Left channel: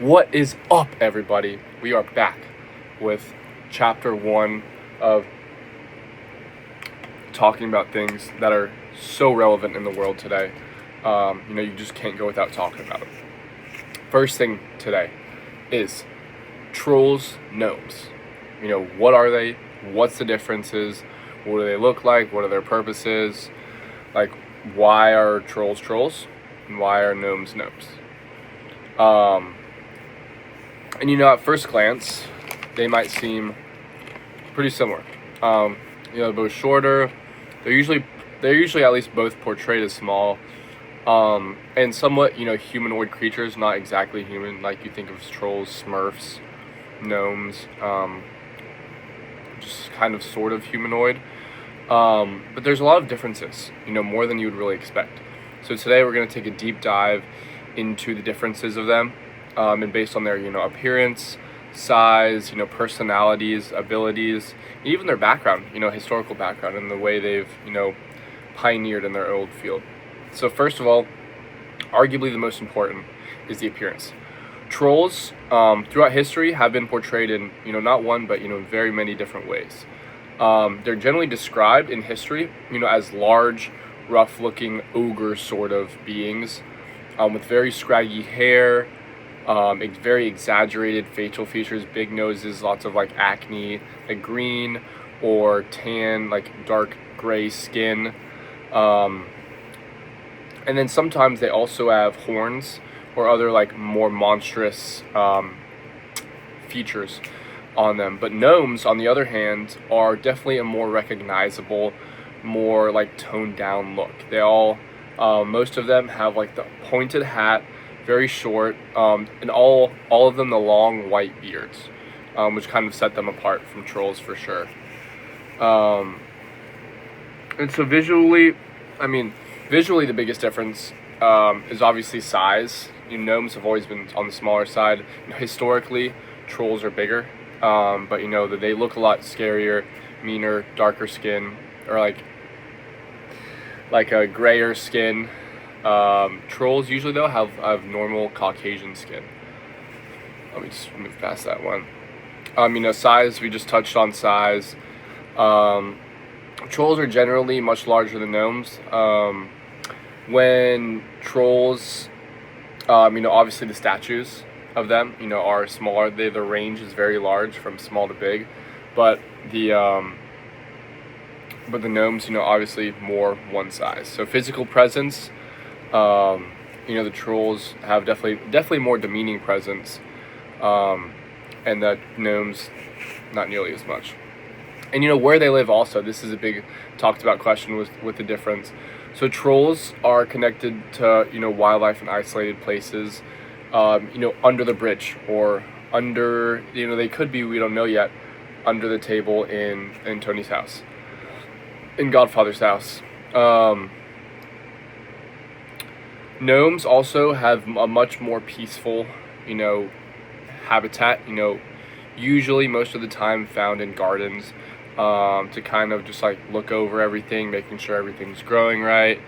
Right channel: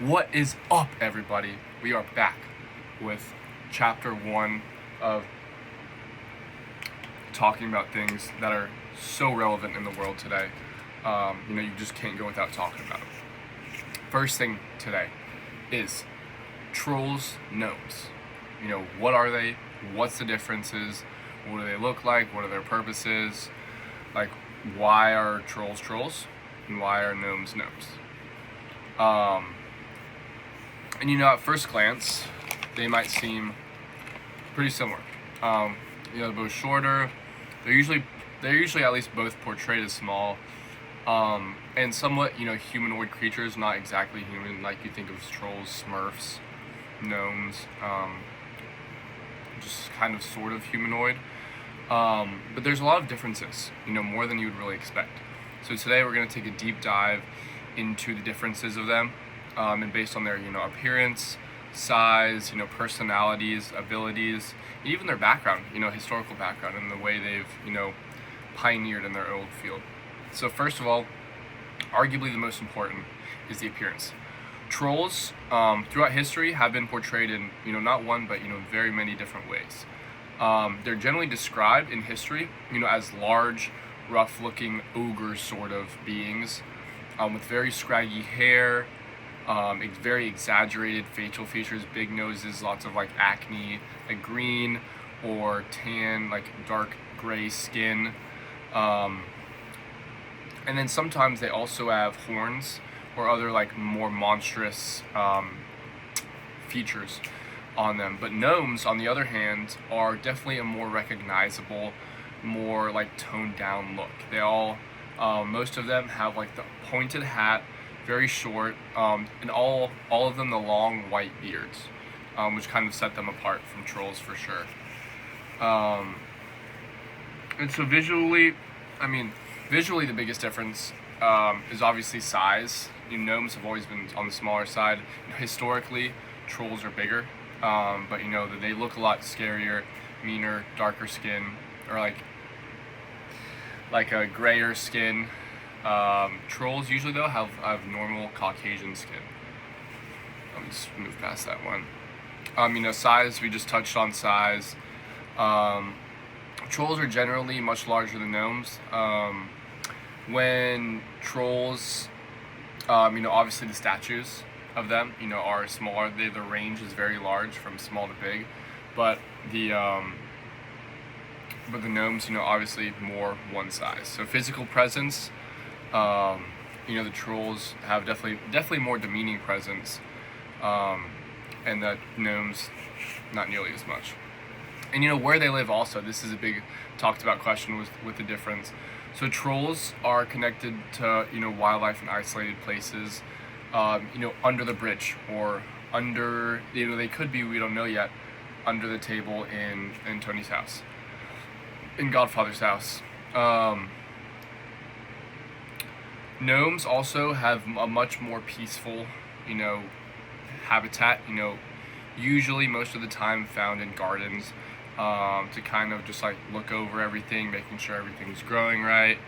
What is up, everybody? We are back with chapter 1 of talking about things that are so relevant in the world today. You just can't go without talking about it. First thing today is trolls, gnomes. What are they? What's the differences? What do they look like? What are their purposes? Like, why are trolls trolls? And why are gnomes gnomes? At first glance, they might seem pretty similar. Both shorter. They're usually at least both portrayed as small, and somewhat humanoid creatures. Not exactly human, like you think of as trolls, Smurfs, gnomes. Just kind of sort of humanoid. But there's a lot of differences. More than you would really expect. So today we're going to take a deep dive into the differences of them. And based on their, appearance, size, personalities, abilities, and even their background, historical background, and the way they've, pioneered in their old field. So first of all, arguably the most important is the appearance. Trolls, throughout history, have been portrayed in, not one, but, very many different ways. They're generally described in history, as large, rough-looking ogre sort of beings, with very scraggy hair, very exaggerated facial features, big noses, lots of acne, green or tan, dark gray skin. And then sometimes they also have horns or other more monstrous features on them. But gnomes, on the other hand, are definitely a more recognizable, more toned down look. They all, most of them have the pointed hat, very short, and all of them the long white beards, which kind of set them apart from trolls for sure. And so visually the biggest difference is obviously size. Gnomes have always been on the smaller side. Historically, trolls are bigger, but that they look a lot scarier, meaner, darker skin, or like a grayer skin. Trolls usually though have normal Caucasian skin. Let me just move past that one. Size, we just touched on size. Trolls are generally much larger than gnomes. When trolls, obviously the statues of them, are smaller. The range is very large from small to big, but the gnomes, obviously more one size. So physical presence, the trolls have definitely more demeaning presence, and the gnomes not nearly as much. And where they live also, this is a big talked about question with the difference. So trolls are connected to wildlife in isolated places, under the bridge, or under, they could be, we don't know yet, under the table in Tony's house, in Godfather's house. Gnomes also have a much more peaceful, habitat, usually most of the time found in gardens, to kind of just look over everything, making sure everything's growing right,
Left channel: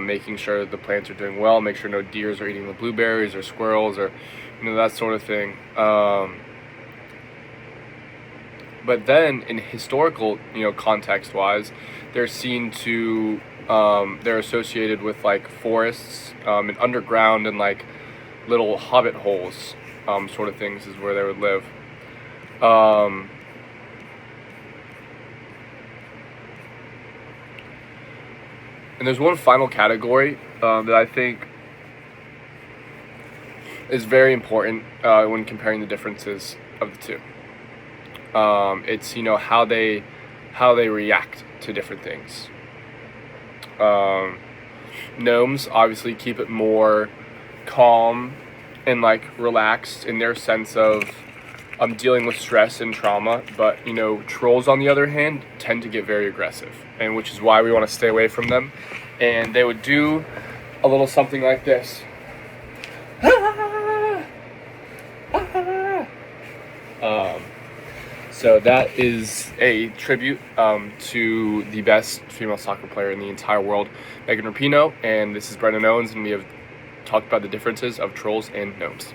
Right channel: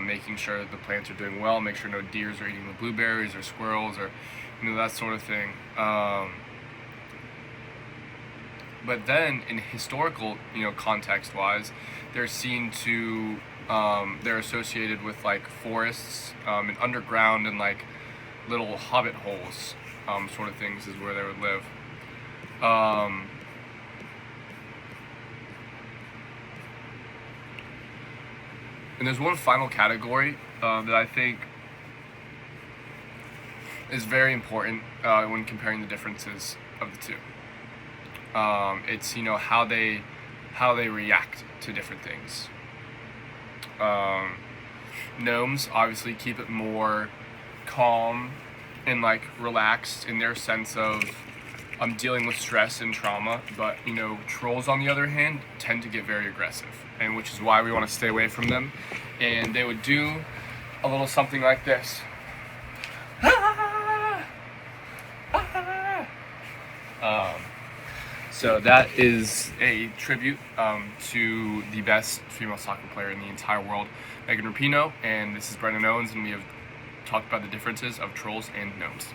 making sure that the plants are doing well, make sure no deers are eating the blueberries or squirrels or, that sort of thing. But then in historical, context-wise, they're seen to, they're associated with forests, and underground, and little hobbit holes, sort of things is where they would live. And there's one final category that I think is very important when comparing the differences of the two. It's how they react to different things. Gnomes obviously keep it more calm and relaxed in their sense of dealing with stress and trauma, but trolls on the other hand tend to get very aggressive, and which is why we want to stay away from them. And they would do a little something like this. So that is a tribute to the best female soccer player in the entire world, Megan Rapinoe, and this is Brendan Owens, and we have talked about the differences of trolls and gnomes.